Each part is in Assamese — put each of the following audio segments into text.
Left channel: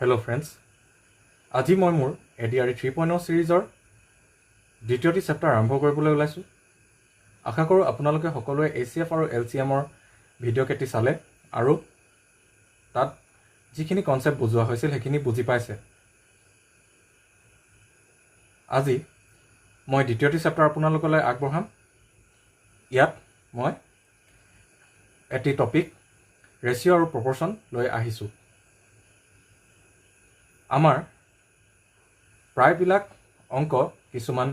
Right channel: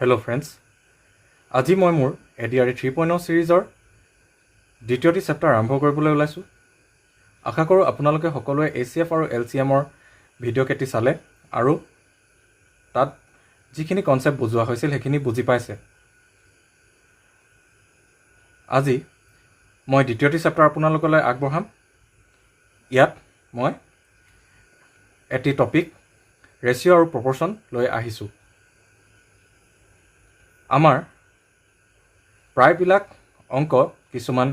হেল্ল' ফ্ৰেণ্ডছ, আজি মই মোৰ ADRE 3.0 ছিৰিজৰ দ্বিতীয়টি চেপ্টাৰ আৰম্ভ কৰিবলৈ ওলাইছোঁ। আশা কৰোঁ আপোনালোকে সকলোৱে ACF আৰু LCMৰ ভিডিঅ' কেইটি চালে আৰু তাত যিখিনি কনচেপ্ট বুজোৱা হৈছিল সেইখিনি বুজি পাইছে। আজি মই দ্বিতীয়টি চেপ্টাৰ আপোনালোকলৈ আগবঢ়াম। ইয়াত মই এটি টপিক ৰেচিঅ' আৰু প্ৰপৰ্শ্যন লৈ আহিছোঁ। আমাৰ প্ৰায়বিলাক অংক কিছুমান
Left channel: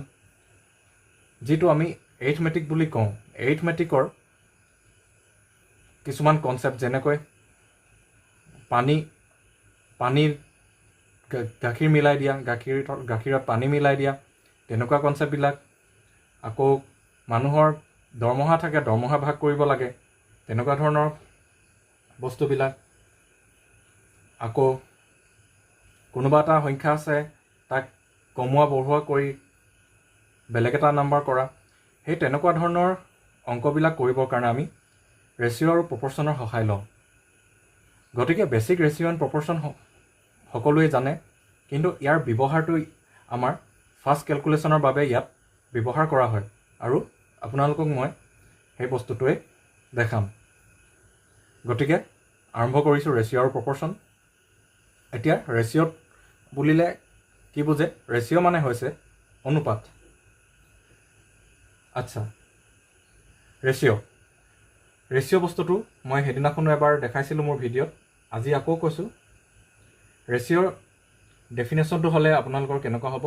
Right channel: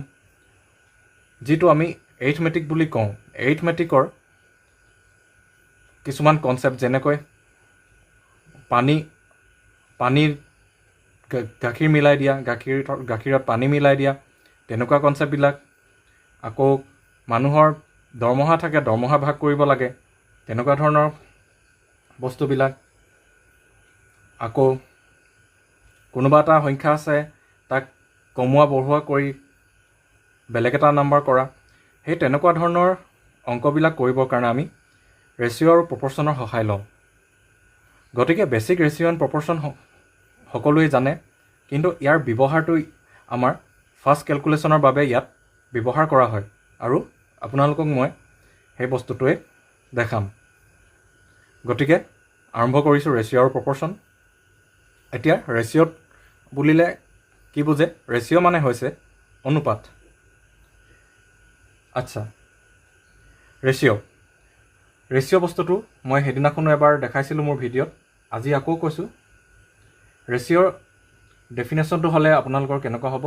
যিটো আমি এৰিথমেটিক বুলি কওঁ, এৰিথমেটিকৰ কিছুমান কনচেপ্ট যেনেকৈ পানীৰ গাখীৰ মিলাই দিয়া, গাখীৰত পানী মিলাই দিয়া, তেনেকুৱা কনচেপ্টবিলাক। আকৌ মানুহৰ দৰমহা থাকে, দৰমহা ভাগ কৰিব লাগে, তেনেকুৱা ধৰণৰ বস্তুবিলাক। আকৌ কোনোবা এটা সংখ্যা আছে, তাক কমোৱা বঢ়োৱা কৰি বেলেগ এটা নাম্বাৰ কৰা, সেই তেনেকুৱা ধৰণৰ অংকবিলাক কৰিবৰ কাৰণে আমি ৰেচিঅ' আৰু প্ৰপৰ্শ্যনৰ সহায় লওঁ। গতিকে বেছিক ৰেচিঅ' এণ্ড প্ৰপৰ্শ্যন সকলোৱে জানে, কিন্তু ইয়াৰ ব্যৱহাৰটো আমাৰ ফাষ্ট কেলকুলেশ্যনৰ বাবে ইয়াত ব্যৱহাৰ কৰা হয়, আৰু আপোনালোকক মই সেই বস্তুটোৱে দেখাম। গতিকে আৰম্ভ কৰিছোঁ ৰেচিঅ' আৰু প্ৰপৰ্শ্যন। এতিয়া ৰেচিঅ'ত বুলিলে কি বুজে? ৰেচিঅ' মানে হৈছে অনুপাত। আচ্ছা, ৰেচিঅ' বস্তুটো মই সেইদিনাখনো এবাৰ দেখাইছিলোঁ মোৰ ভিডিঅ'ত, আজি আকৌ কৈছোঁ। ৰেচিঅ'ৰ ডেফিনেশ্যনটো হ'লে আপোনালোকৰ কেনেকুৱা হ'ব?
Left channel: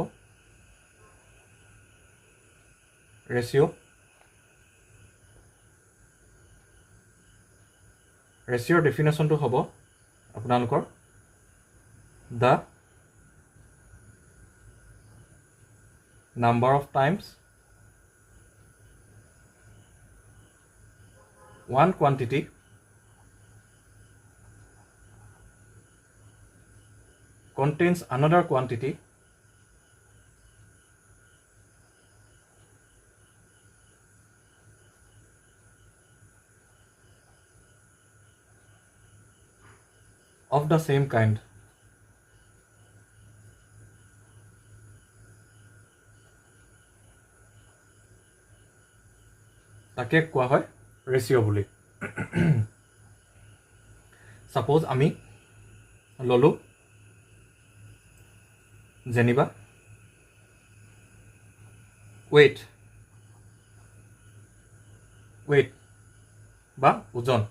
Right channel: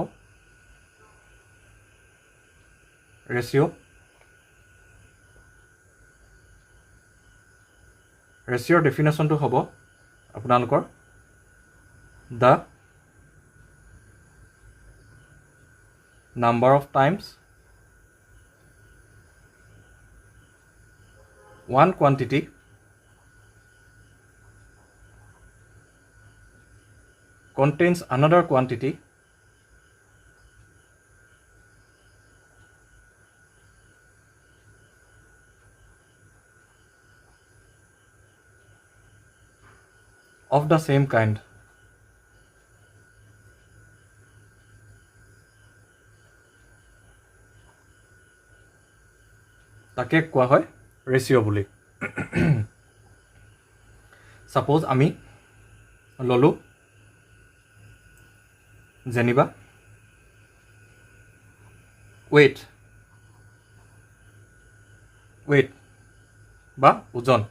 ৰেচিঅ'ৰ ডেফিনেশ্যনটো হ'ব আপোনালোকৰ the number of times one quantity contains another quantity of the same kind. তাকে কোৱা হয় ৰেচিঅ' বুলি। ছাপ'জ আমি ল'লোঁ যেনিবা ৱেইট বা ওজন।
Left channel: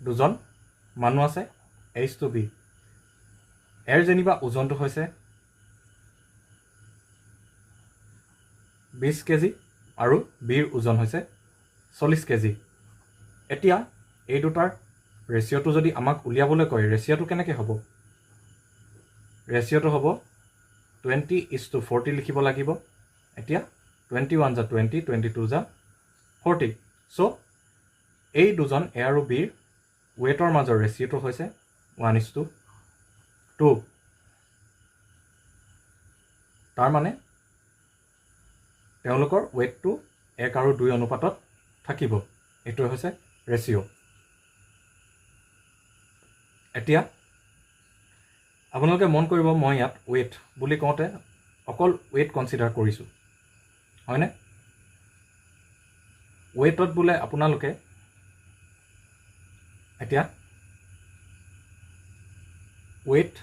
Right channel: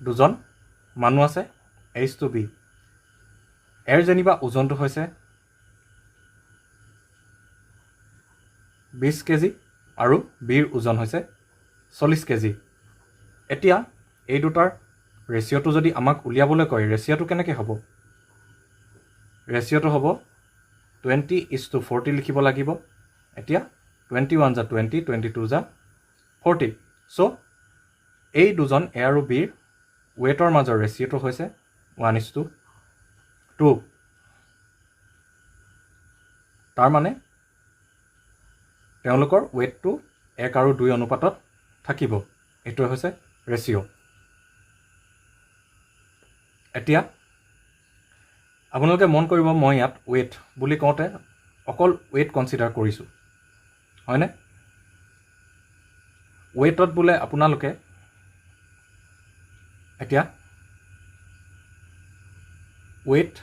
দুজন মানুহ আছে, A to B। এৰ যেনিবা ওজনটো হৈছে 20 কেজি আৰু বিৰ ওজন হৈছে 40 কেজি। এতিয়া এই দুটাৰ ৰেচিঅ'টো যদি আমাক উলিয়াবলৈ কয়, ৰেচিঅ'টো কেনেকৈ হ'ব? ৰেচিঅ'টো হ'ব 20:40 লিখিব লাগিব। এতিয়া 21 যা 20, 22 যা 40। চ' এই দুজন এ আৰু বিৰ ৱেইটৰ মাজৰ ৰেচিঅ'টো হৈছে 1:2। তাৰমানে তেওঁলোকৰ ৱেইটটো 1 আৰু 2 অনুপাতত থাকিব। এইটোৱে হৈছে ৰেচিঅ'। এতিয়া আপোনালোকে মন কৰিব, মই ইয়াত ৱেইট বুলি কওঁতে অকল ৱেইট কনচিডাৰ কৰিছোঁ, হয়নে? ৱেইটত বোলে আপোনালোকে এতিয়া ৱেইট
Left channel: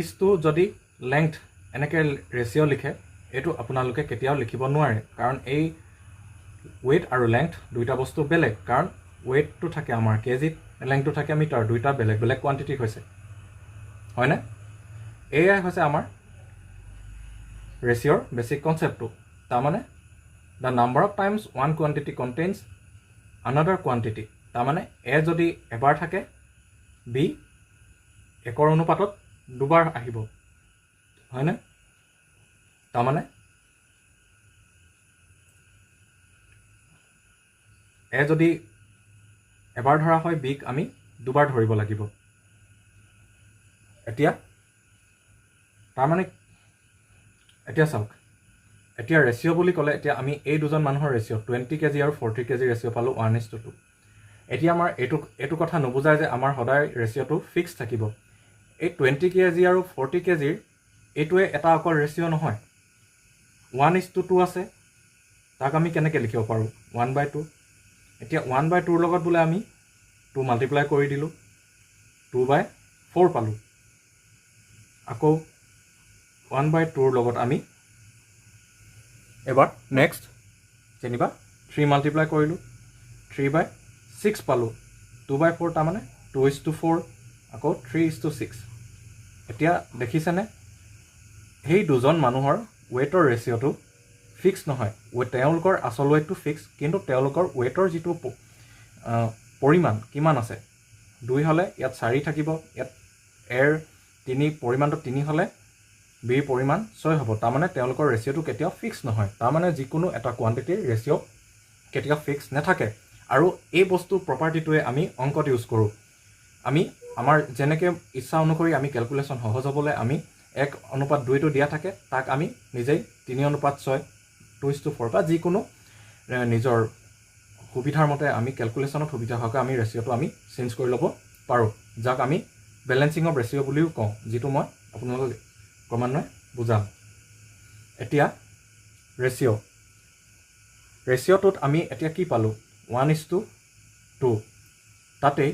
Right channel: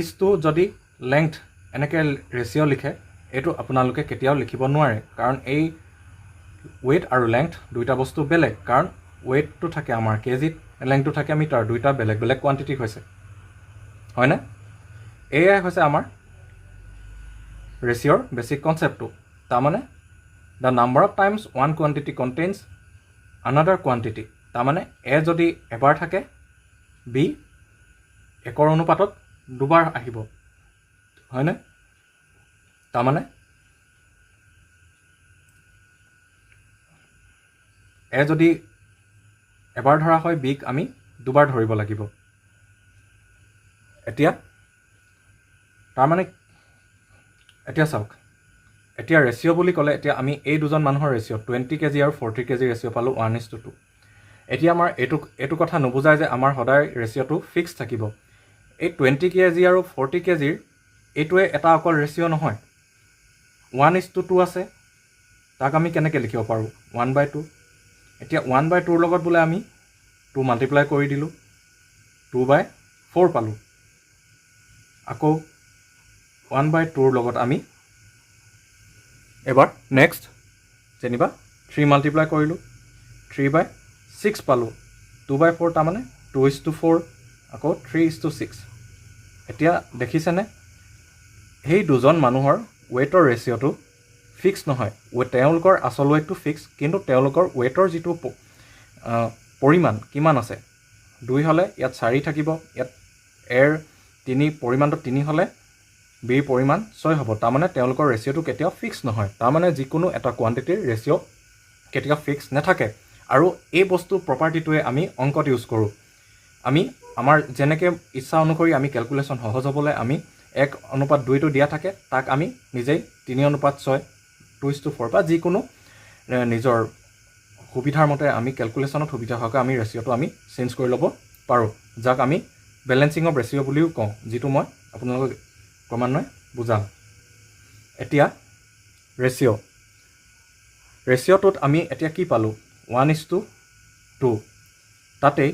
ইজটো যদি লেংথ এনেকৈ ৰেচিঅ' লিখে, এইটো আপোনালোকে কেতিয়াও লিখিব নোৱাৰে, কাৰণ এই ৱেইট আৰু লেংথ দুইটা বস্তু বেলেগ। কাৰণ ৱেইটটো থাকে আমাৰ কেজিত, লেংথটো থাকে মিটাৰ, দুইটা বেলেগ বেলেগ কোৱান্টিটি হৈছে, হয়নে? এয়াই হৈছে আমাৰ ৰেচিঅ'ৰ বেছিক কনচেপ্টটো। তাৰমানে the number of times one quantity contains another quantity. তাৰমানে এ যদি এবাৰ থাকে, বি 1 অনুপাতত দুবাৰ আহিব, হয়নে? তাৰমানে এ যদি এবাৰ ধৰা হয়, বিক আমি দুবাৰ ধৰিব লাগিব। এতিয়া চাওক, এতিয়া ৰেচিঅ' বুলি ক'লে এতিয়া আমি এই দুজন মানুহৰ ৰেচিঅ' 20 কেজি আৰু 40 কেজি ৰেচিঅ' পালোঁ 1:2। এতিয়া আমাৰ এইটো কথা নুবুজায় যে আমাৰ সদায় ৰেচিঅ'টো ফিক্স থাকিব। এই 20 kg আৰু 40 kgৰ এইটোৱে এটা অকল ৰেচিঅ' নহয় 1:2 আছে তাক আমি কেনেকৈ লিখিব পাৰোঁ 1/2 এতিয়া 1/2 লগত বোলে আমি 2 মাল্টিপ্লাই কৰি দিলোঁ 2/4 পালোঁ আকৌ 1/2 লগত আমি এবাৰ নেক্সট যেনিবা 3 মাল্টিপ্লাই কৰিলোঁ 3/6 পালোঁ 2/4 তাৰমানে 2:4 আকৌ 3:6 এতিয়া দেখিছেনে সেই দুজন মানুহৰ ৱেইটৰ ৰেচিঅ'টো ফিক্স নহয় তেওঁলোকৰ আচল ৱেইটটো ফিক্স কিন্তু তেওঁলোকৰ ৱেইটৰ যিটো পৰিমাণ কিমান আছে 2 হ'লে ইয়াত 4 থাকিব ইয়াত এৰ 3 পৰিমাণটো 3 হ'লে বিৰ পৰিমাণ 6 হ'ব তাৰমানে তেওঁলোকৰ ৰেচিঅ'টো কেতিয়াও ফিক্স নহয় তাৰমানে যিকোনো এটা কোৱান্টিটিৰ ৰেচিঅ' কেতিয়াও ফিক্স নাথাকে আৰু এই বস্তু প্ৰপাৰ্টিটোৱে আমি অংকত ইউজ কৰোঁ আমি আমাৰ যেনেকৈ ইচ্ছা অনুসৰি আমি কেলকুলেশ্যন সহজ হ'বলৈ আমি 1:2 দিয়া থাকে তাক আমি নিজেই 3:6 2:4 বা যিকোনো নিজৰ সুবিধাৰ মতে আমি কেলকুলেশ্যনত সুবিধা হোৱাকৈ আমি ৰেচিঅ'টো আমি চেঞ্জ কৰি ল'ব পাৰোঁ যাক আমি বেলেঞ্চিং অফ ৰেচিঅ' বুলিও কওঁ যিটো মই আপোনালোকক ক্ৰমান্বয়ে বুজাম এতিয়া ৰেচিঅ'টোত আমি এতিয়া কি পালোঁ 1:2 তাতেই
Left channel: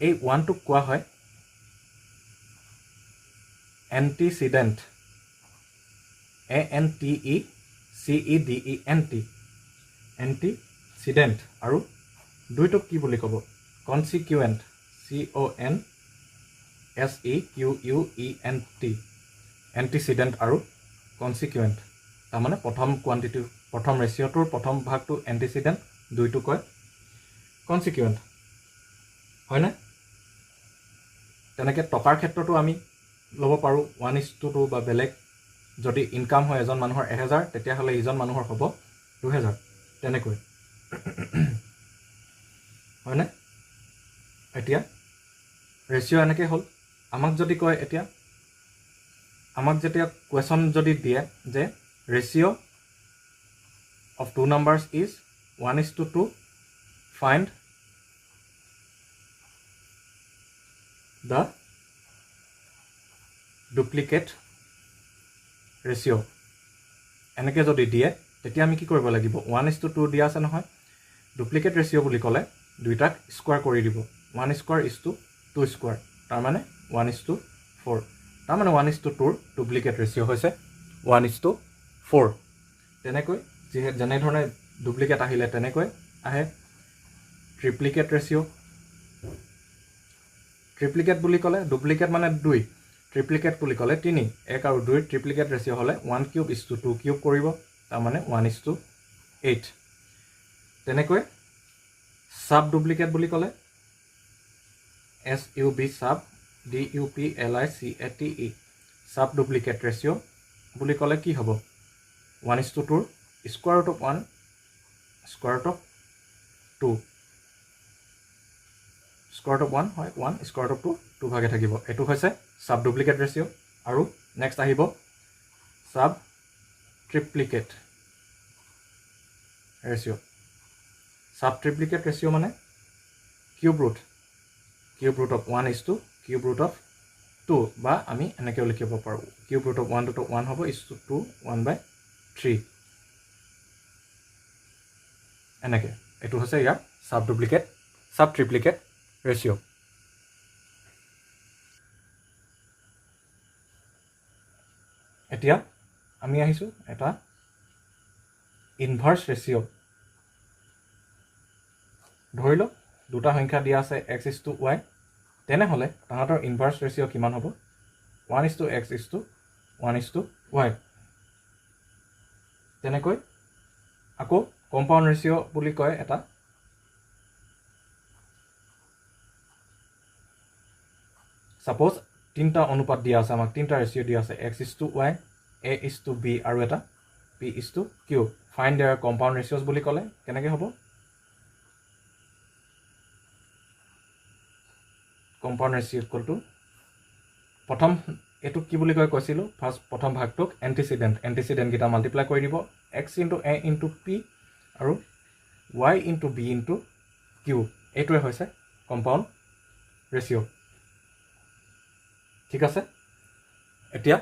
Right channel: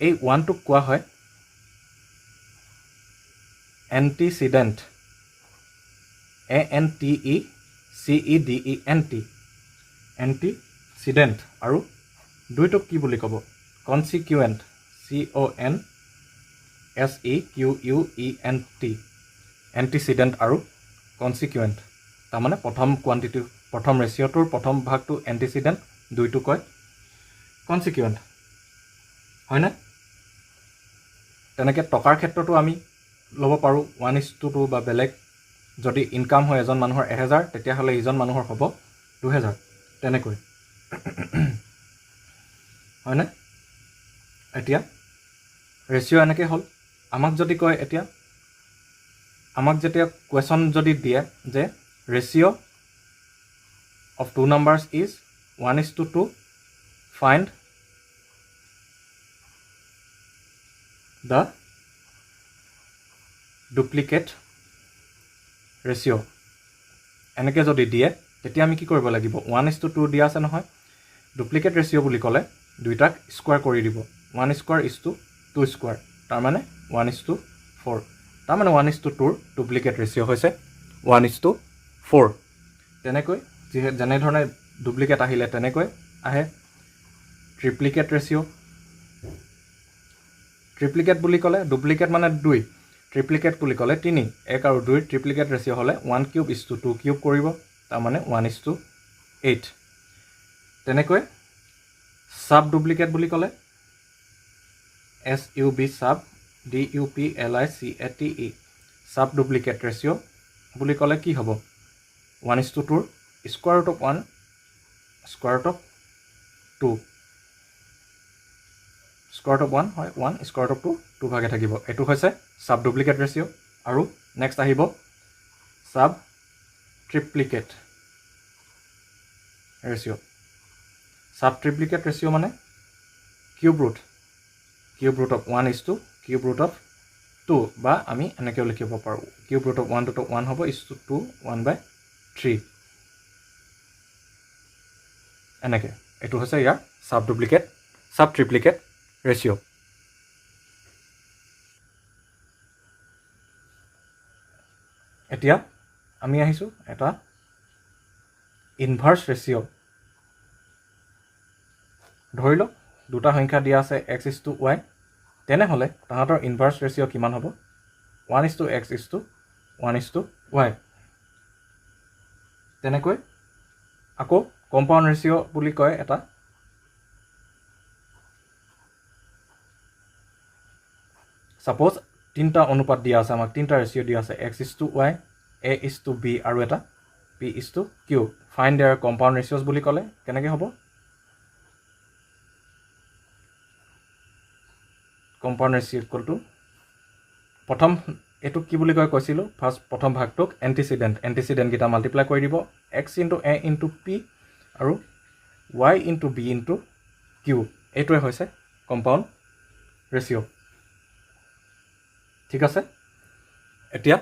এই 1টোক কোৱা হয় এণ্টিচিডেণ্ট ANTECEDENT এণ্টিচিডেণ্ট আৰু 2টোক কি বুলি ক'ব কনচিকুৱেণ্ট CONSEQUENT এণ্টিচিডেণ্ট আৰু কনচিকুৱেণ্ট তাৰমানে প্ৰথম ৰেচিঅ'টোৰ প্ৰথম ভাগটো এণ্টিচিডেণ্ট 2টো কয় কনচিকুৱেণ্ট হয়নে তেনেকৈ টকাৰ ক্ষেত্ৰতো আমি ল'ব পাৰোঁ 1:2 বা বেলেগ যদি ইনকাম হয় এজন মানুহৰ 1000 তেতিয়াহ'লে ইজন মানুহৰ হ'ব 2000 তেনেকৈ হয়নে এতিয়া ৰেচিঅ' এনেকৈ হ'ল আমাক যদি কয় এতিয়া আমাক যেতিয়া কুৱেশ্যন যদি দিয়ে যে ratio' of 2 numbers is 1:2 find the duplicate ratio এনেকৈ যদি দিয়ে তেতিয়া আমি কি কৰিব লাগিব 1:2 দিয়া আছে নহয় ডুপ্লিকেট ৰেচিঅ' বুলি ক'লে দুইটাক স্কোৱাৰ কৰি দিব 1² = 2² তাৰমানে 1:4 তাৰমানে 1:2ৰ ডুপ্লিকেট ৰেচিঅ' হৈছে 1:4 তেনেকৈ যেনেধৰণে ডুপ্লিকেট আহিলে তেনেকৈ আহে ট্ৰিপ্লিকেট ৰেচিঅ' ট্ৰিপ্লিকেট বুলি ক'লে ডুপ্লিকেট মানে 2 ট্ৰিপ্লিকেট বুলি ক'লে 3 1 আৰু 2 ট্ৰিপ্লিকেট ৰেচিঅ' হ'লে 1³ = 2³ কৰিব তাৰমানে 1:8 তেনেকৈ সাব ডুপ্লিকেট বুলি ক'লে SUB sub DUPLICATE sub duplicate ratio' বুলি ক'লে কি হ'ব 1:2ৰ square root of 1 square root of 2 square root of 1 হয় 1 স্কোৱাৰ ৰুট অফ 2 ভাগে থাকিব এইটো হৈছে সাব ডুপ্লিকেট ৰেচিঅ' আৰু নেক্সট আহিব সাব ট্ৰিপ্লিকেট ৰেচিঅ' সাব ট্ৰিপ্লিকেট ৰেচিঅ' মানে cube root of 1 cube root of 2 বা আমি এনেকৈও লিখিব পাৰোঁ কিউব ৰুট অফ 1 টো 1 হ'ব 2 1/3 এনেকৈ এইটো হৈছে ইয়াৰ সাব ট্ৰিপ্লিকেট ৰেচিঅ' এতিয়া আমি আহিছোঁ এটা ইনভাৰ্ছ ৰেচিঅ' ধৰি লওক দুটা সংখ্যা দিয়া আছে x:y তেনেহ'লে তাহাঁতৰ ইনভাৰ্ছ ৰেচিঅ' কিমান হ'ব 1:x:1:y তেনেকৈ আকৌ কম্পাউণ্ড ৰেচিঅ' বুলি কয় এটা ছাপ'জ 3টা অনুপাত দিয়া আছে আমাক 3টা ৰেচিঅ' দিয়া আছে x:y a:b আৰু এটা p:q ফাইণ্ড দেয়াৰ কম্পাউণ্ড ৰেচিঅ'ছ বুলি ক'লে কেনেকৈ হ'ব কম্পাউণ্ড ৰেচিঅ' = প্ৰথম এইটোক কি বুলি কৈছিলোঁ প্ৰথম ভাগটোক এণ্টিচিডেণ্টকেইটা মাল্টিপ্লাই কৰি দিব x × a × p আৰু y × b × q এইটোৱে হৈছে কম্পাউণ্ড ৰেচিঅ' ঠিক আছে এতিয়া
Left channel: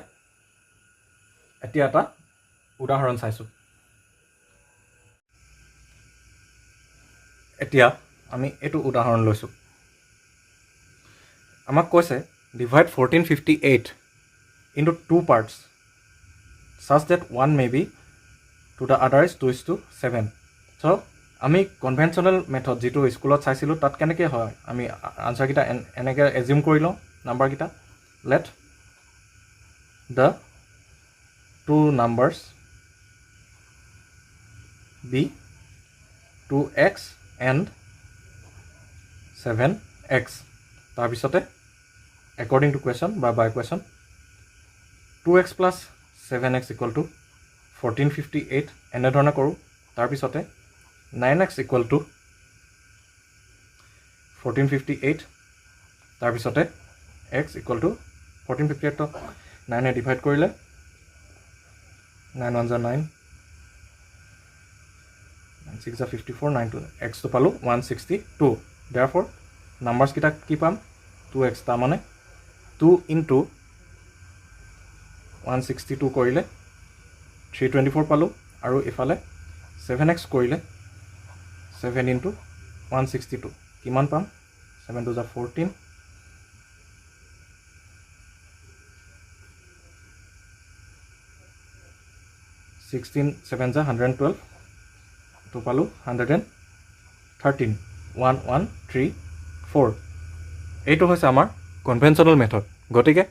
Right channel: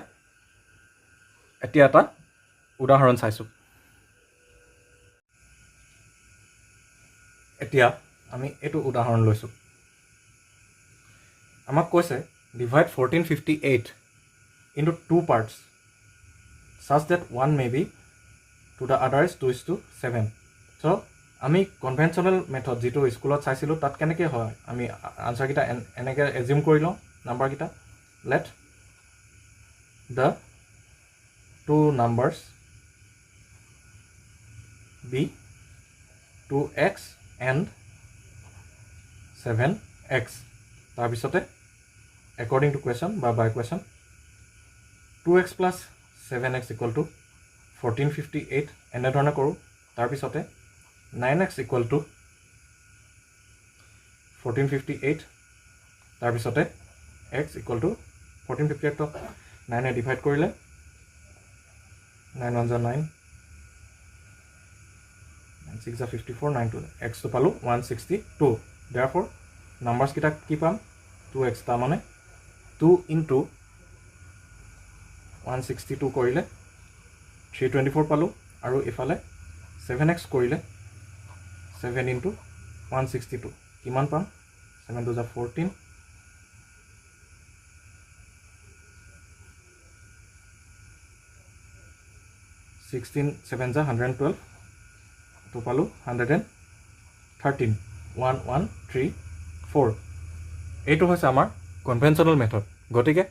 এটা উদাহৰণ চাইছোঁ এতিয়া আমি এইটো উদাহৰণ লৈছোঁ আমাক কৈছে divide 1458 into two parts such that one may be to the other is 2:7 so আমি কনভেনশ্যনেল মেথড যিটো স্কুলত চাইছিলোঁ তাত কেনেকৈ হয় আমি আনচাৰকেইটা এনেকৈ এজিউম কৰি লওঁ নাম্বাৰকেইটা late the two numbers be 2x and 7x তাৰপিছতে according to question বা by question 2x plus 7x equal to 1458 এনেধৰণে কৰোঁ তাৰপিছতে 9x equal to 1458 তাৰপিছতে x equal to 1458 তো 9 এ ডিভাইড কৰিলে 9 1 9 6 54 9 2 x তো পালোঁ 162 therefore numbers কেইটা কি পাম 2x তাৰ মানে 2 into 162 কৰিলে 324 পালোঁ আৰু ইফালে 7x কৰিলে 7 into 162 কিমান পাম 7 2 14 16 7 112 তো পালোঁ 113 1134 এইটো হৈছে আমাৰ কনভেনশ্যনেল মেথড গতিকে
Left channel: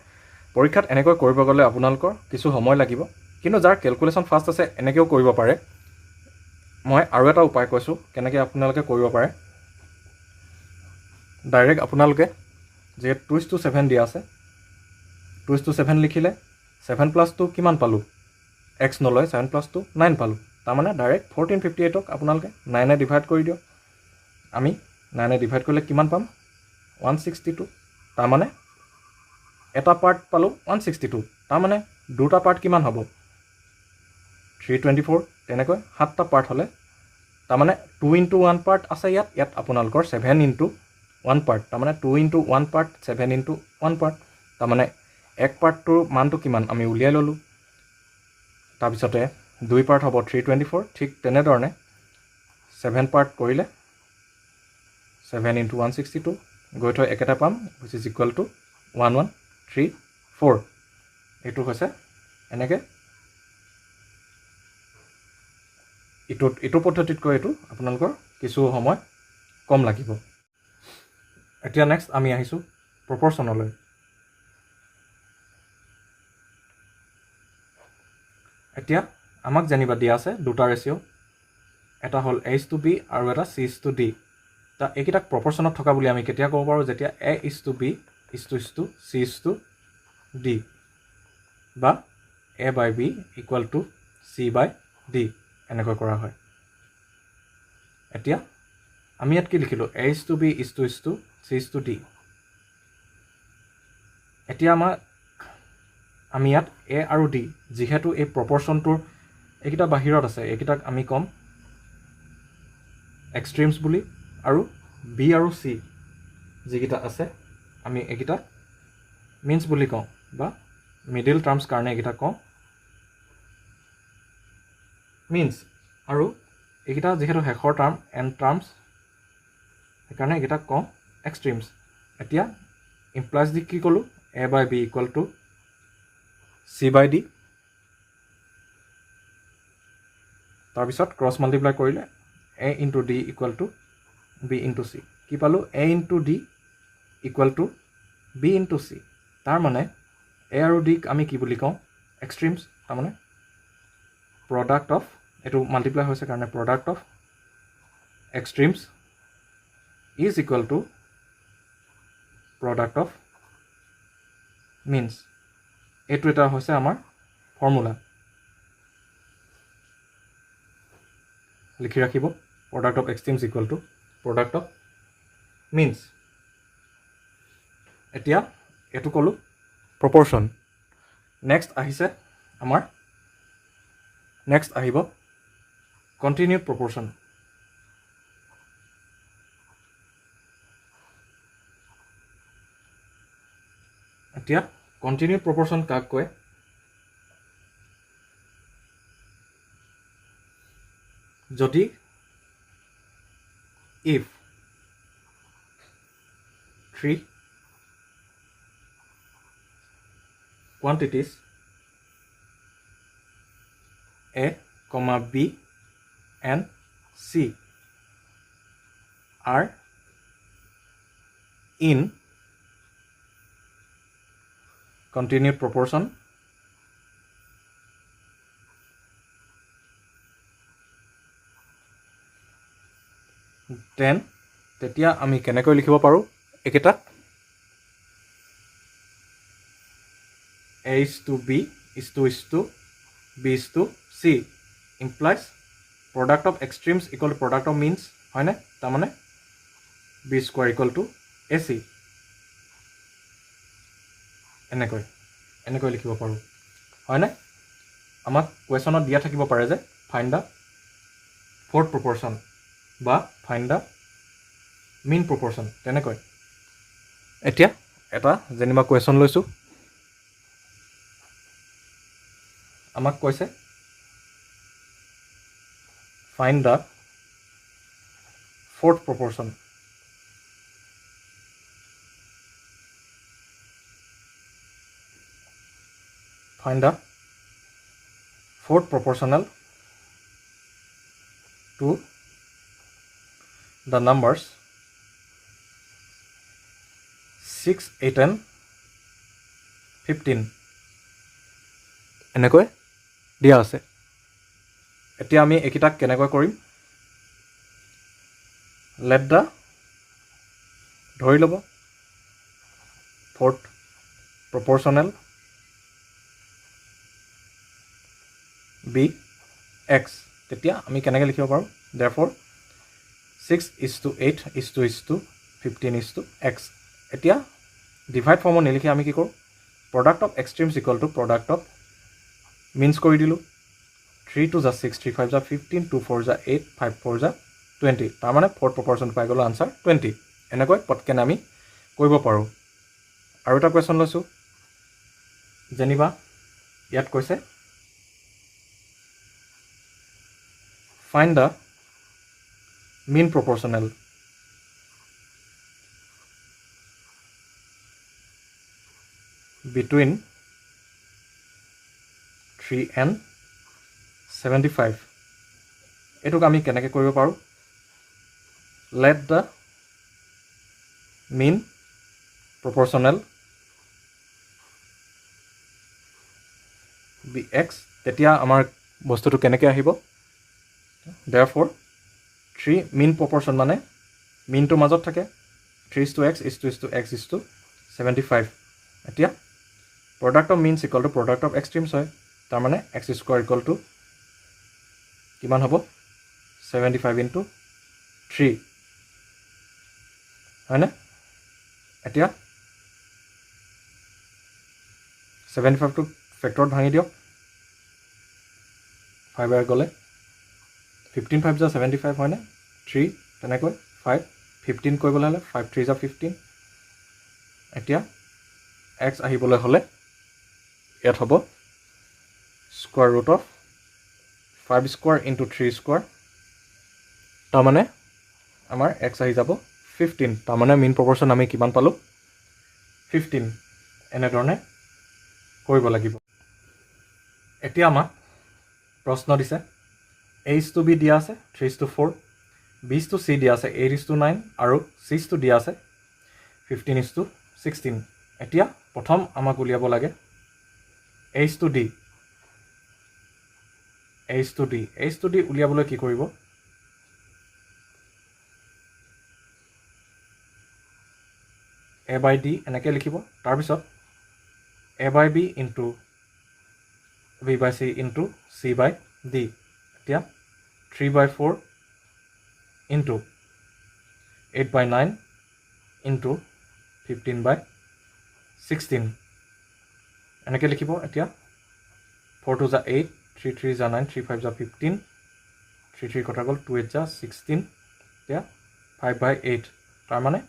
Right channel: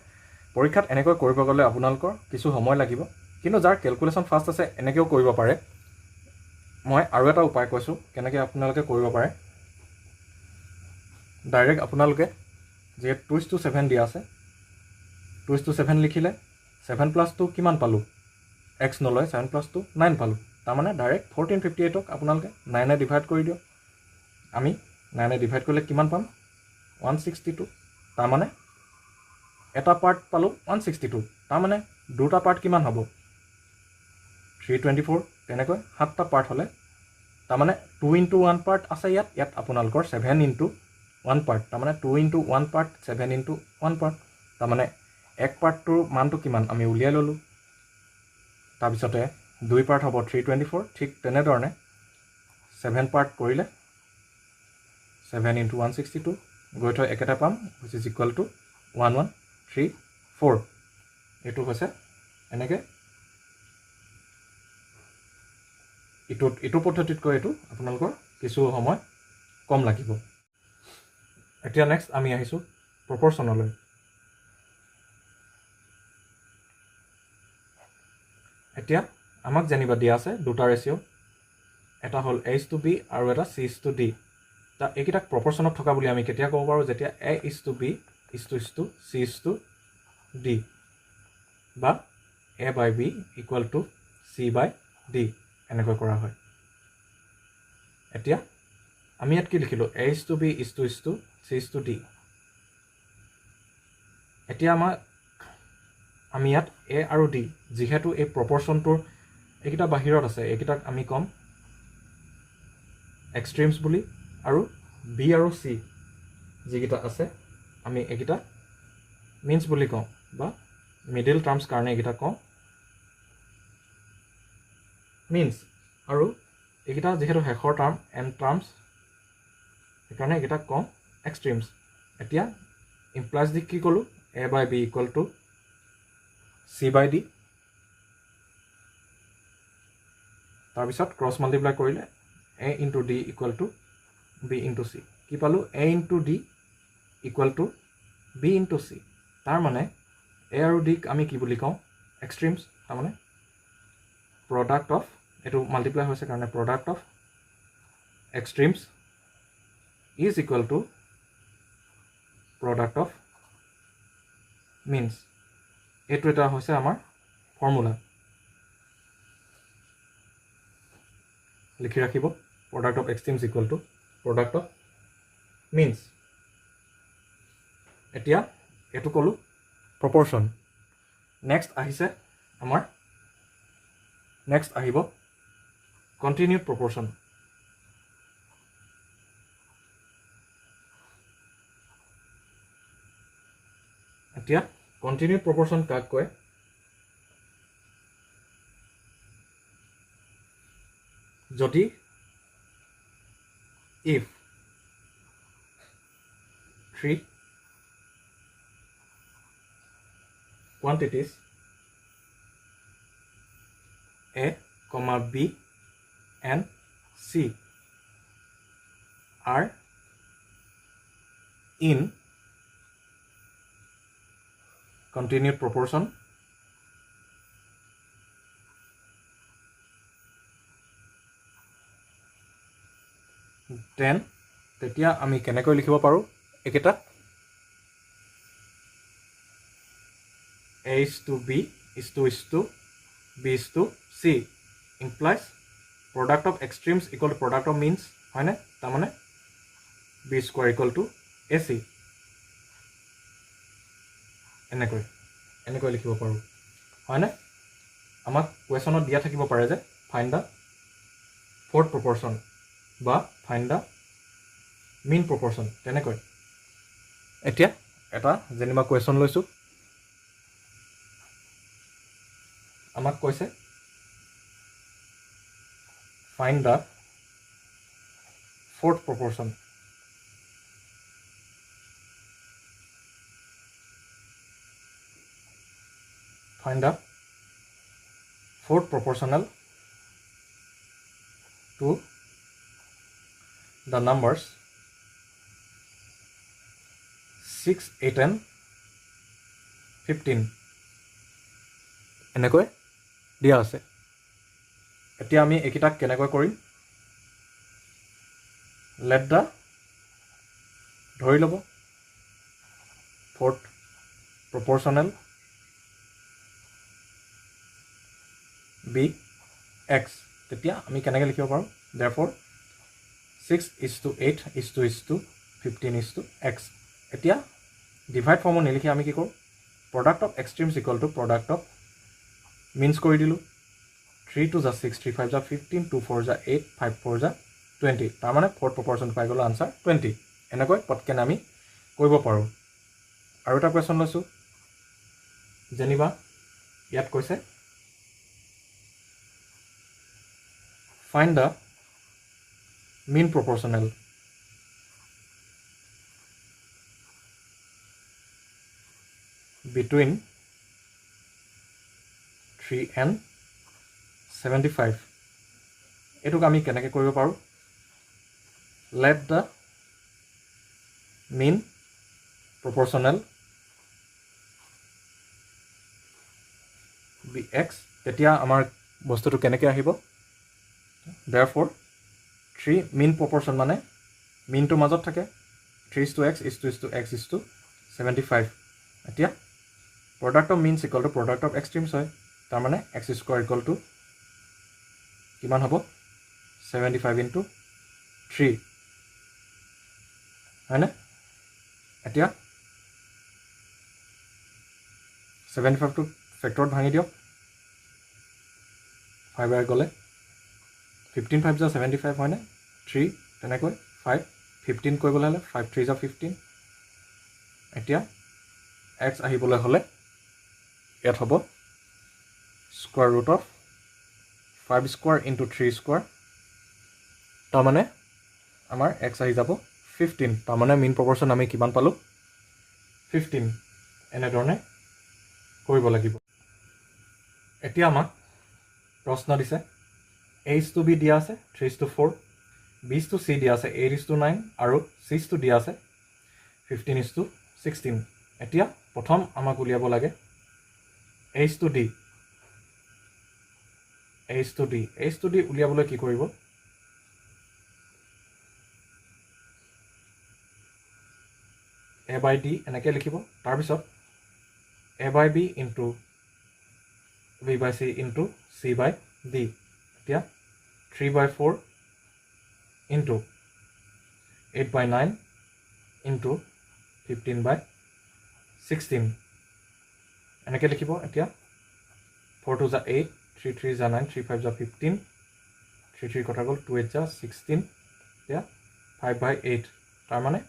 পৰীক্ষাত এনেকৈ কৰিব গ'লে আপোনালোকৰ কিছু সময় লাগিব কিন্তু যাৰ কেলকুলেশ্যন ফাষ্ট আছে এনেকৈও কৰিব পাৰে মই আৰু এটা উপায় কৈছোঁ কেনেকৈ আপোনালোকে কৰিব পাৰে ডাইৰেক্ট আপোনালোকে যে 2:7 দিয়া আছে 2:7 লিখিলে 7 plus 2 কিমান পালোঁ x নলয় 7 plus 2 9 পালোঁ তাৰমানে ডাইৰেক্ট 1458ক আপোনালোকে 9 এ ডিভাইড কৰি দিয়ক আমি 9 এ ডিভাইড কৰিলে কিমান পাম 162 তাৰমানে এটা পাৰ্ট পালোঁ 162 তাৰমানে দুটা পাৰ্ট কিমান হ'ব 324 তেনেকৈ 7টা পাৰ্ট হ'লে তাৰমানে 2 into 1 পাৰ্ট আছে ইয়াত আপোনালোকৰ 7 into 1 পাৰ্ট তাৰমানে 2 into 1 পাৰ্ট 7 into 1 পাৰ্ট তাৰমানে এক পাৰ্টটোৰ মানটো কিমান আমি উলিয়াই ল'লোঁ তাৰপিছতে 2 পাৰ্ট হ'ব 324 ঠিক তেনেধৰণে 7 পাৰ্ট কৰিলে 7 into 162 গৈ থৈ একেটা পাম which is equal to 1134 এইটো হৈছে এনেকৈ এইটো পদ্ধতিতকৈ এইটো আপোনালোকৰ কিছু সময় কম লাগিব এতিয়া নেক্সট আমি আহিছোঁ প্ৰপৰ্চনলৈ এতিয়া আমাক জানিবা দিয়া আছে দুটা ৰেচিঅ' এটা হ'ল h/b আৰু এটা c/d তা এইকেইটাক প্ৰপৰ্চনত থকা বুলি আমি কেতিয়া ক'ব পাৰোঁ যেতিয়া a/b c/d বা a/b equal to c/d এনেকৈ কৰা হয় এতিয়া আমি ইয়াত কি লিখিলোঁ a/b c/d এতিয়া আমি ইয়াত a আৰু d যিহেতু এই প্ৰপৰ্চনটোৰ এইকেইটা বাহিৰত আছে এইকেইটাক আমি ক'ম এক্সট্ৰিমছ বুলি আৰু b আৰু c যিকেইটা আছে আমি এইকেইটা মিনছ বুলি কওঁ বা মিডিল টাৰ্মছ কাৰণে এইকেইটা কওঁ মিনছ আৰু এইকেইটা যিহেতু শেষৰ টাৰ্ম এণ্ড টাৰ্মছ সেইকাৰণে এইকেইটাক কওঁ এক্সট্ৰিমছ এতিয়া ইমপ্লাইজ দি কি ক'লোঁ a/b equal to c/d তাৰপিছত ক্ৰছ মাল্টিপ্লাই কৰিলে a into d equal to b into c কি পালোঁ a into d equal to b into c তাৰমানে a আৰু d আমি কি বুলি কওঁ এক্সট্ৰিমছ তাৰমানে প্ৰডাক্ট অফ এইটো মাল্টিপ্লাই হৈছে কাৰণে product of extremes is equal to product of means এইটো এটা হৈছে আমাৰ ফৰ্মুলা লিখি ৰাখিব product of extremes equal to product of means এতিয়া এইটো ক'লোঁ প্ৰপৰ্চন নেক্সট আহিব কণ্টিনিউড প্ৰপৰ্চন এতিয়া কণ্টিনিউড প্ৰপৰ্শ্যন কাক কয়? যদি if 3 quantities A, B and C are in continued proportion, then তেতিয়া আমি কেনেকৈ লিখিব পাৰোঁ একেটা? A is to B is to B is to C implies product of extremes equal to product of means, হয়নে? তাৰমানে B square equal to AC এনেকৈ লিখিব পাৰোঁ, হয়নে? আমাক কুৱেশ্যনত দিয়া থাকিব পাৰে যে ফাইণ্ড দ্য ফ'ৰ্থ প্ৰপৰ্শ্যন বা ফাইণ্ড দ্য মিন প্ৰপৰ্শ্যন, তেনেকৈ। এতিয়া এটা যেনিবা কুৱেশ্যন লৈছোঁ, আমাক কৈছে find the fourth proportion. Find the fourth proportional to the numbers 6, 8 and 15 এনেকৈ দিয়া আছে। এতিয়া আমি এইকেইটাক কেনেকৈ কৰিম? লেট দ্য ধৰি ল'ব ফ'ৰ্থ প্ৰপৰ্শ্যনেল বি এক্স, তেতিয়া আমি কেনেকৈ লিখিব পাৰোঁ? therefore 6 is to 8 is to 15 is to x। এতিয়া ডিভাইড ফৰ্মত নিলিখি আমি কি কৰোঁ? Product of extremes equal to product of means কৰি দিলোঁ। 3 2 যা 6, 3 5 যা 15, 2 4 যা 8, 5 4 যা 20, তাৰমানে ফ'ৰ্থ প্ৰপৰ্শ্যন পাই গ'লোঁ আনচাৰ 20। এনেকৈ পটকেনে আমি কৰিব পাৰোঁ। আৰু এটা কুৱেশ্যন লৈছোঁ, যেনিবা ইয়াত কৈছে find the mean proportional between 3 and 75। এইটোক আমি কেনেকৈ কৰিব পাৰোঁ? let the mean proportional be x, তেতিয়া আমাৰ বস্তুটো কেনেকৈ আহিব? therefore 3 mean proportion মানে মিনটোৰ মাজত থাকে, 3 is to x is to x is to 75। এতিয়া product of means equal to product of extremes হয়, তাৰমানে এক্স স্কুৱাৰ ইকুৱেল টু কিমান হ'ব? 75 into 3, হয়নে? এতিয়া 75টো ফেক্টৰত ভাঙি দিয়ক, 5 গ'লে 15 5 যা 75, হয়নে? 3 তেনেকৈ 5 15 কৰিবলৈ হ'লে 5 3 যা 15। এতিয়া এক্স আহিবলৈ হ'লে ইয়াত হ'ব square root of 5 square into 3 square, তাৰমানে আমাৰ এক্স আহি যাব 15, তাৰমানে মিন প্ৰপৰ্শ্যন আমি কিমান পালোঁ? 15। এনেধৰণে কৰিব লাগিব। এতিয়া আমাক প্ৰশ্ন দিছে A is to B দিয়া আছে 3 is to 4, B is to C দিয়া আছে 8 is to 9 আৰু C is to দিয়া আছে 15 is to 16। এতিয়া প্ৰথম আমাক উলিয়াব লাগে A is to D। A is to D উলিয়াবলৈ কি কৰিব? A by D এনেকৈ লিখিব, তাৰপিছত A by B into B by C into C by D। এতিয়া 3 by 4 into 8 by 9 into 15 by 16 এনেকৈ লিখিব। এতিয়া 4 2 যা 8, 3 3 যা 9, 3 5 যা 15, 3 3 কটা গ'ল, 2 8 যা 16, এতিয়া 5 by 8, তাৰমানে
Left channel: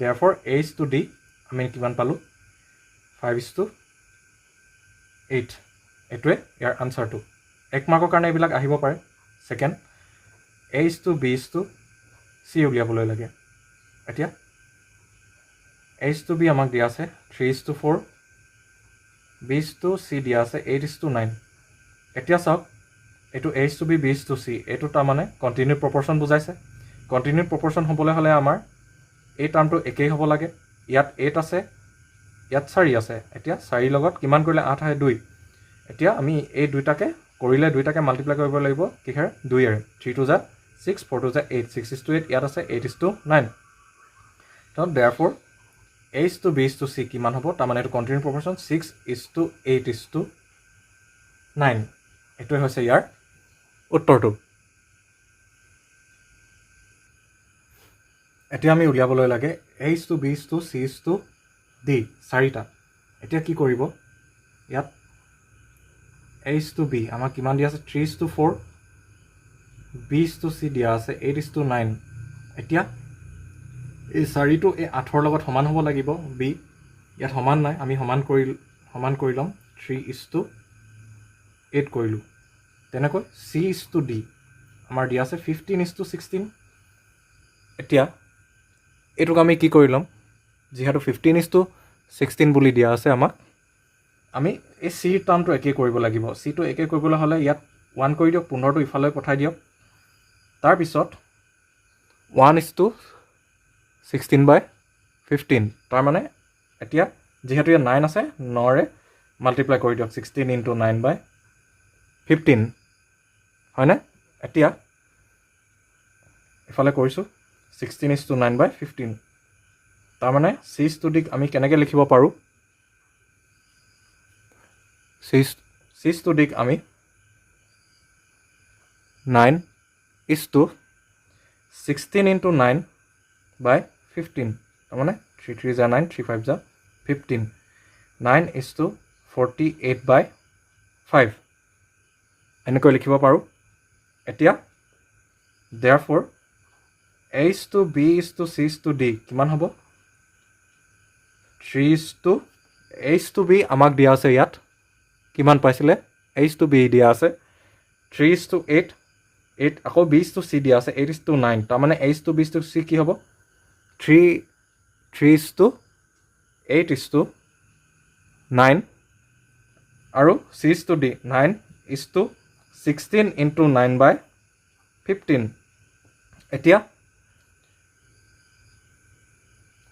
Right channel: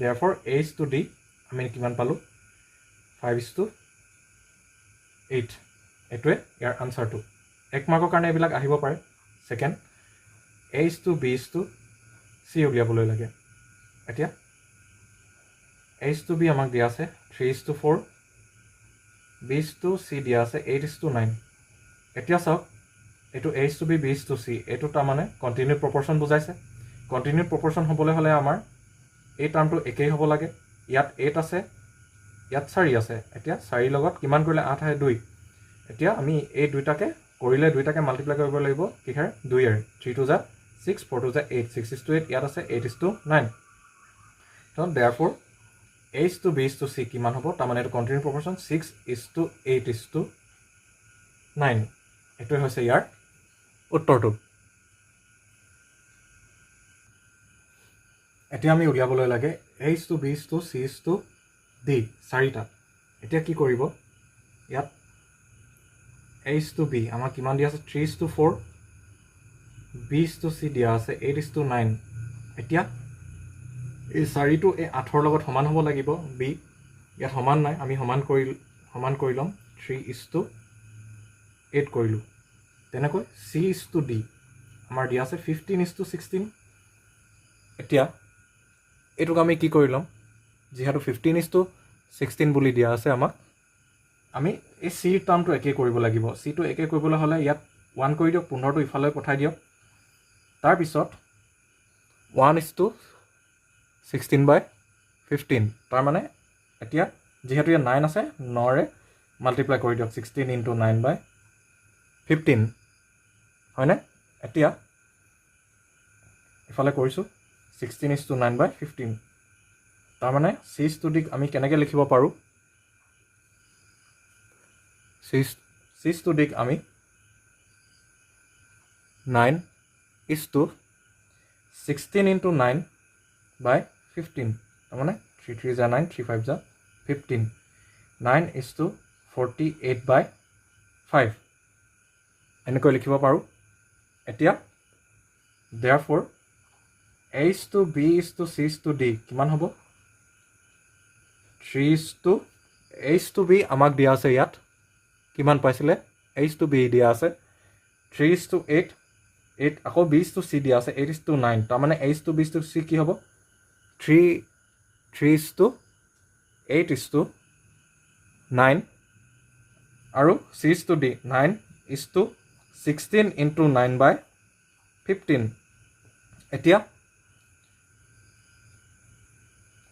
therefore A is to D আমি কিমান পালোঁ? 5 is to 8 এইটোৱে ইয়াৰ আনচাৰটো 1 মাৰ্কৰ কাৰণে এইবিলাক আহিব পাৰে সেকেন্ড A:B:C উলিয়াবলৈ লাগে এতিয়া A:B আমাক দিয়া আছে 3:4 B:C দিয়া আছে 8:9 এতিয়া চাওক এইটো A:B B:C এইটো তাৰমানে কণ্টিনিউড প্ৰপৰ্শ্যন বুজাইছে কণ্টিনিউড প্ৰপৰ্শ্যন হ'বলৈ হ'লে আমাৰ এই টাৰ্মটো একেই হ'ব লাগে ইয়াত 8 আছে ইয়াত 4 আছে এতিয়া 4 লগত কিমান কৰিলে 8 আহে 2 এতিয়া আমি এই দুইটাকে কৰিলে দুইটাকে মাল্টিপ্লাই কৰিব লাগিব কিহেৰে 2 এৰে 3 টো যা 6 4 টো যা 8 6:8 ইয়াত আছে 8:9 তো therefore A:B:C কিমান হ'ব তাৰমানে এইটো কণ্টিনিউড প্ৰপৰ্শ্যন 6:8:9 এইটোৱে হৈছে ইয়াৰ উত্তৰটো এতিয়া আমি উলিয়াবলৈ লাগে A:B:C:D চাৰিটা এতিয়া কি কৰিব ইয়াত A:B আমাক কিমান দিয়া আছে 3:4 B:C দিয়া আছে 8:9 এতিয়া এই 4টো এই 8ৰ লগত সমান হ'ব লাগিব B ইয়াত সমান নাই আমি সমান কৰি ল'ম 3:8 কৰিলোঁ তেনেকৈ C:D আমাৰ দিয়া আছে 15:16 এতিয়া এইটোক আমি কি কৰি ল'ম যিহেতু 15:16 বুলি দিয়া আছে আমাক আমি এই C টাৰ্মটো একেই কৰিব লাগিব Cটো একেই কৰিবলৈ হ'লে ইয়াত 1 কৰি দিয়ক 15টো ইফালে পঠাই দিয়ক তাৰপিছত 1:16/15 তাৰমানে এতিয়া যিহেতু ইয়াত 9 আছে 9ৰে মাল্টিপ্লাই কৰি দিয়ক 16 × 9/15 হয়নে এতিয়া ইফালে কৰিছোঁ 16:9/15 তাৰমানে C:D আমি কেনেকৈ লিখিব পাৰোঁ C:D আমি 9:16 × 9/15 তাৰমানে 3 3 × 9 3 5 × 15 9:48/5 এনেকৈ লিখিব পাৰোঁ এতিয়া therefore A:B:C:D কিমান হ'ব 3:A:B আমাক দিয়া আছে ইয়াত কিমান পাইছিলে A:B দিয়া আছে 3:8 আকৌ B:C দিয়া আছে 8:9 তাৰমানে A:B:C কি হ'ব 3:8:9 আৰু C:D 9:16 × 9/15 এতিয়া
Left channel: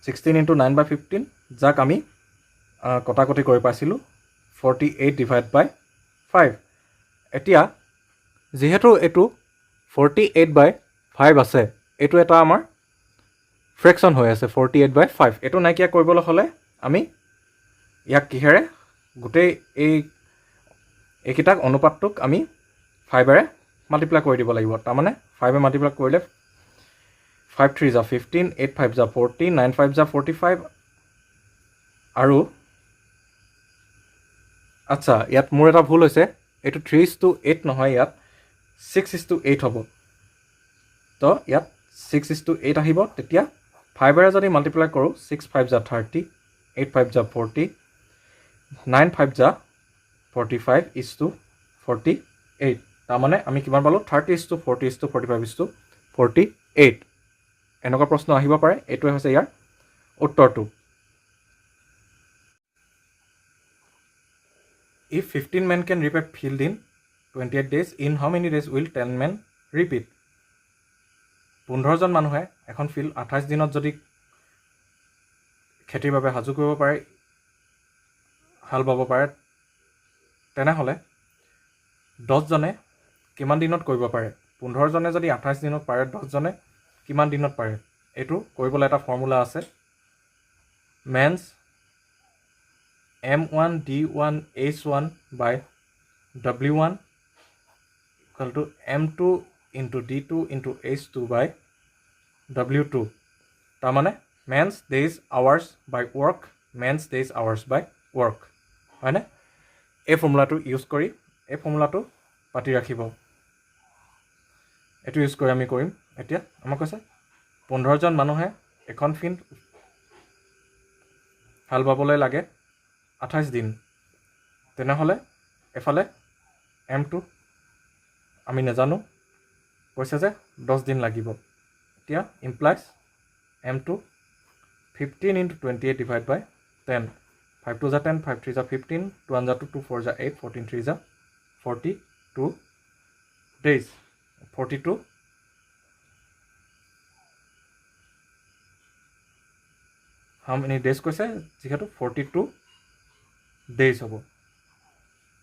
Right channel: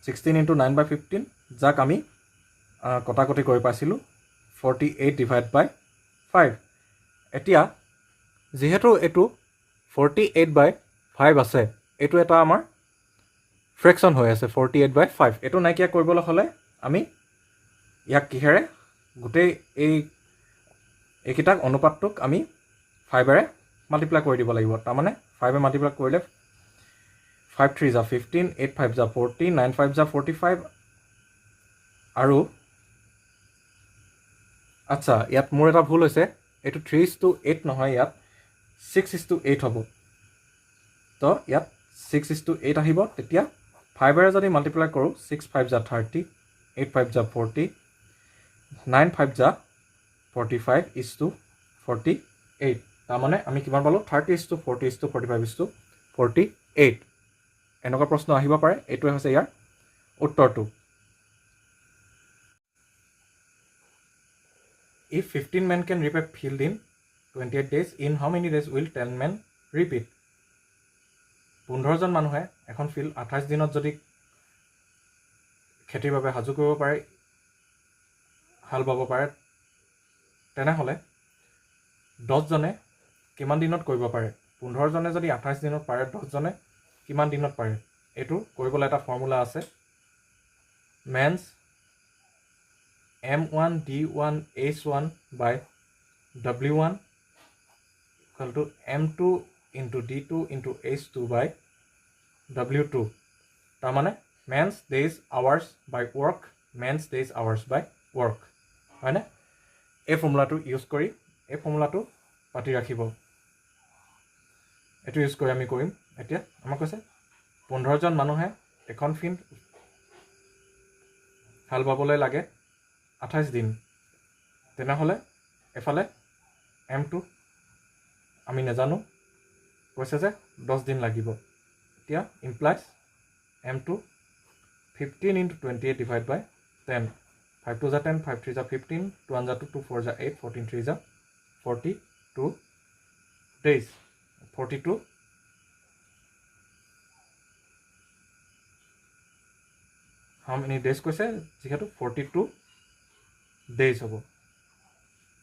16 × 9/15 যাক আমি কটাকটি কৰি পাইছিলোঁ 48/5 এতিয়া যিহেতু এইটো 48/5 আছে এইটো এটা আমাৰ ফ্ৰেকশ্যন হৈ আছে 48/5 এইটো নাইকিয়া কৰিবলৈ হ'লে আমি ইয়াক কিহেৰে গোটেই এইকেইটাক অনুপাতটোক আমি 5ৰে মাল্টিপ্লাই কৰি দিব লাগিব তাৰমানে 5ৰে মাল্টিপ্লাই কৰিলে 5 3 = 15 8 5 = 40 9 5 = 45 আৰু আচ্ছা ইয়াত মোৰ এটা ভুল হৈছে এইটো 3:8 নহয় ইয়াত 6:8 হ'ব তো ইয়াত 6:8 আহিব তেতিয়া 5ৰে যদি মাল্টিপ্লাই কৰোঁ 6 5 = 30 8 5 = 40 9 5 = 45:48 তাৰমানে আমি কিমান পালোঁ 30:40:45:48 এনেকুৱা প্ৰশ্ন আহিব পাৰে এইটোৱে হৈছে ইয়াৰ উত্তৰটো If 15 men can reap a field in 28 days, in how many days will 10 men reap it? 15জন মানুহে এখন ফিল্ড 28 দিনত যদি খেতিৰ বাবে সাজু কৰিব পাৰে হাল বাব পাৰে তেনেহ'লে 10জনে কিমান দিনত কৰিব পাৰে 15জনে যদি 28 দিনত পাৰে 10জনে কিমান দিনত পাৰে এইটো কৰিবলৈ এটা ফৰ্মুলা আছে men's M1D1H1/W1 = M2 × D2 × H2 / W2 তাৰমানে মেন্স ডেইজ আৱাৰ্ছ বাই ৱৰ্ক মেন্স ডেইজ আৱাৰ্ছ বাই ৱৰ্ক হয়নে এই ফৰ্মুলাটো ইউজ কৰি এই ফৰ্মুলাটো পাতি ৰাখিব এইটো ইউজ কৰি আমি কৰিম এতিয়া আমাক কৈছে 15জন মানুহে এখন ফিল্ড হাল বাবলৈ লাগে 28 দিন তেনেহ'লে এফালে M2 আমি নাজানো, কৈছে যে 10 দিন লাগিব। এতিয়া implies M2 15 × 28 divide by 10, 5 2 10, 5 3 15, 2 1 2, 2 4 8, 14 3 42 days, 42 how many days কৈছে, যিহেতু 42 days হ'ব।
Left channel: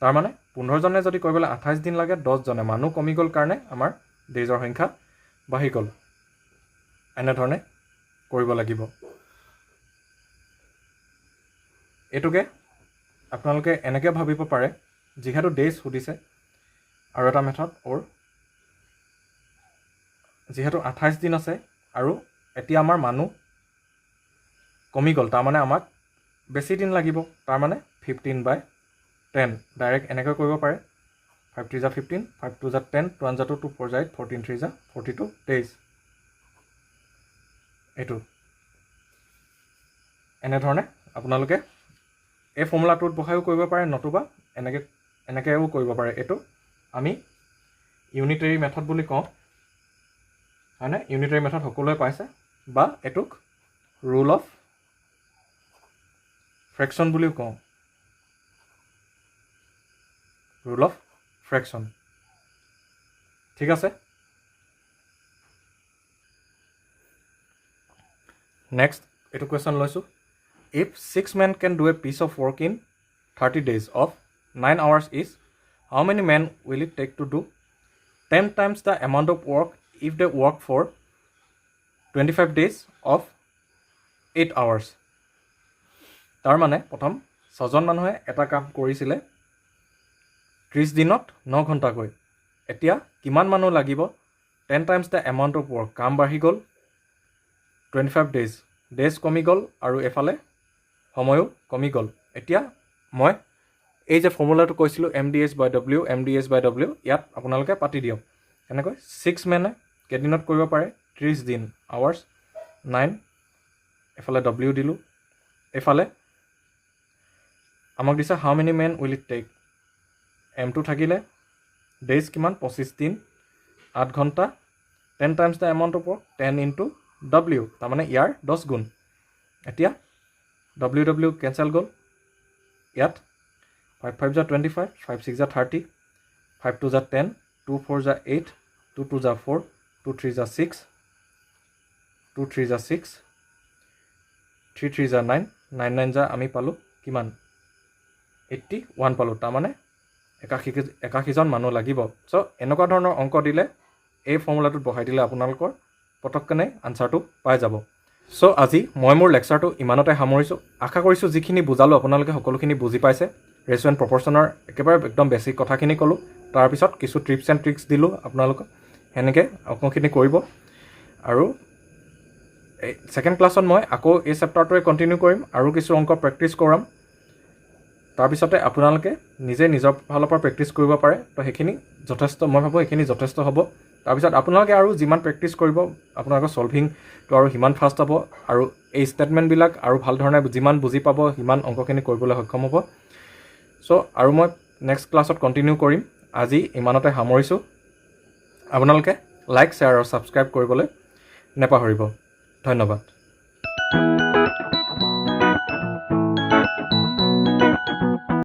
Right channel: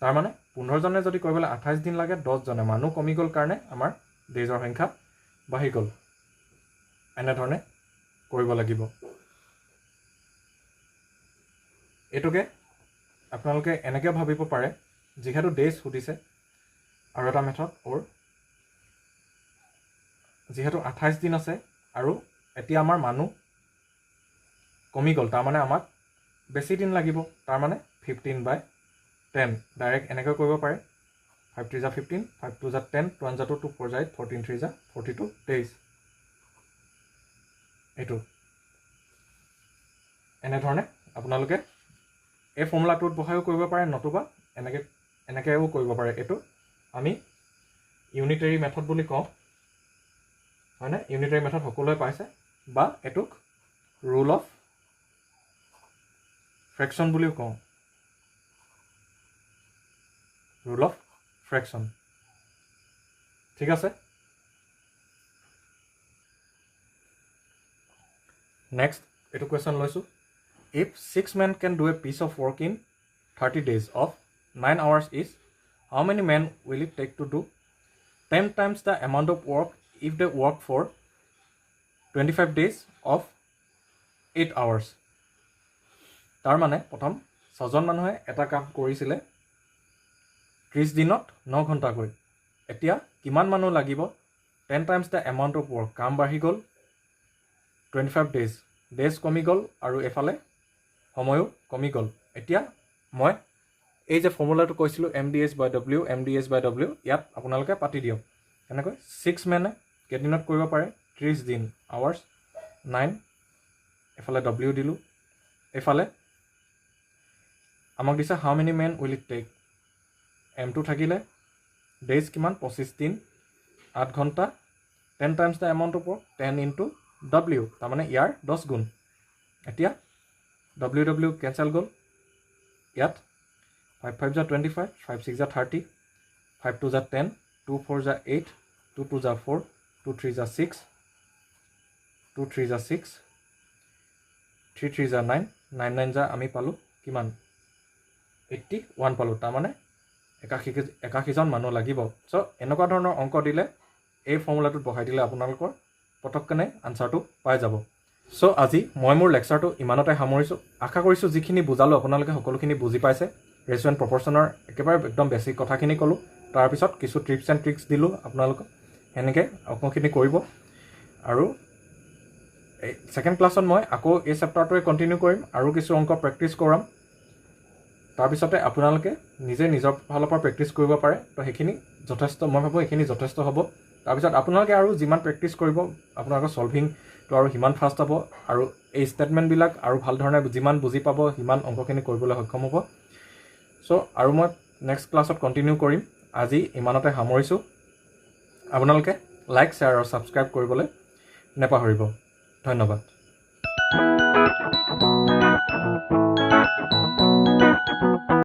তাৰ মানে 15 জনে যদি কৰিবলৈ 28 দিন লাগে, 10 জনে মানুহ কমি গ'ল কাৰণে আমাৰ ডেইজৰ সংখ্যা বাঢ়ি গ'ল। এনেধৰণে কৰিব লাগিব। এইটোকে আপোনালোকে এনেকৈ ভাবিব পাৰে, যিহেতু ডেইজ সুধিছে, আৰু এটা মেথড ওৰ যিহেতু 28 দিন আছে আৰু এতিয়া আমাৰ মানুহ কমি গ'ল, তাৰমানে আমাক বেছি দিন লাগিব, তাৰমানে 15/10 ডাইৰেক্ট এনেকৈ কৰিব পাৰে। 5 3 15, 5 2 10, 2 1 2, 2 4 8, 14 3 42 days। এইটো এনেধৰণে আপোনালোকে এই ফৰ্মুলাটোত বহাইও কৰিব পাৰে, নতুবা এনেকৈও কৰিব পাৰে। এইটো আমি ইউনিটাৰী মেথড বুলি কওঁ, হয়নে? ইউনিটাৰী মেথড সকলোৱে পাইছে, বা এইটোক ৰুল অফ ফ্ৰেকশ্যন বুলিও কওঁ, ৰুল অফ ফ্ৰেকশ্যন। ঠিক আছে, নেক্সট এইটো কুৱেশ্যন লৈছোঁ। If 6 men can do a piece of work in 30 days of 9 hours each, how many men will it take to do 10 times the amount of work if they work for 25 days of 8 hours? তাৰ মানে প্ৰথম 6জন মানুহে এটা কাম কৰিছিলে 30 দিনত 9 ঘণ্টাকৈ। এতিয়া কিমান মানুহ লাগিব? 10 times the amount of work, কাম বাঢ়ি গ'ল, 25 days, ডেজ কমি গ'ল, আৰু এফালে সময়ো কমি গ'ল। এতিয়া মই এই যে ফৰ্মুলাটো কৈছিলোঁ MDH/W, MDH/W, ইয়াত আপোনালোকে পাতি দিয়ক। এনেকৈ 6 মেনে কেইদিনত কৰিব পাৰে? 30 দিন, আৱাৰ্ছ 9, এফালে W দিলোঁ, এফালে আমাক দিছে how many men will it take, M2 থাকিলে, ডেইজ কিমান? 25 দিন, 8 ঘণ্টা, 10 times the amount of work, 10 × W, তাৰমানে ইয়াৰ 10 গুণ। এতিয়া W কেঞ্চেল গ'ল, ইয়াত 5 5 25, 5 6 30, 5 2 10, 2 4 8, 2 2 4, 2 3 6, 2 3 6, 3 3 9, 9 9 আমি পালোঁ কিমান? 81 পালোঁ, তাৰমানে 81জন মানুহ লাগিব। চ' এনেকুৱা ধৰণৰ অংক দিলে এই ফৰ্মুলাটোত বহাই দিলে আপোনালোকৰ পটককেনে আনচাৰটো পাই যাব। চ' আজি মই মোৰ লেকচাৰটো ইমানতে সামৰিছোঁ। আশা কৰিছোঁ যিখিনি বুজালোঁ আপোনালোকে সকলোখিনি বুজি পাইছে। ৰেচিঅ' এণ্ড প্ৰপৰ্চনৰ একেবাৰে একদম বেছিক কথাখিনি ক'লোঁ, তাৰপিছত কিছু টিপছ এণ্ড ট্ৰিক্স দিলোঁ আপোনালোকক, সেনেকৈ অংকখিনি কৰিব। আৰু ছেকেণ্ড ক্লাছত মই আকৌ এই চেপ্টাৰটোৱে কণ্টিনিউ কৰিম, আৰু কিছু অংক প্ৰেক্টিছ কৰাম। তাৰপিছতে আপোনালোকে নিজে নিজৰ ফালৰ পৰা প্ৰেক্টিছ কৰিব পাৰে, তো সেইখিনি যথেষ্ট, মই ভাবোঁ সেইখিনি যথেষ্ট হ'ব। তাৰপিছত আপোনালোকে আৰু যিমান প্ৰেক্টিছ কৰিব, আপোনালোকৰ ছলভিংটো আৰু সিমান ফাষ্ট হ'ব, আৰু এই ষ্টেটমেণ্টবিলাক আৰু ভাল ধৰণে যিমান বুজি পাব, সিমান অংকখিনি কৰিবলৈ সক্ষম হ'ব। চ' আৰু মই নেক্সট ক্লাছত কণ্টিনিউ কৰিম। আজি ইমানতে সামৰিছোঁ। আপোনালোকে লাইক, শ্বেয়াৰ আৰু ছাবস্ক্ৰাইব কৰিবলৈ নেপাহৰিব। ধন্যবাদ।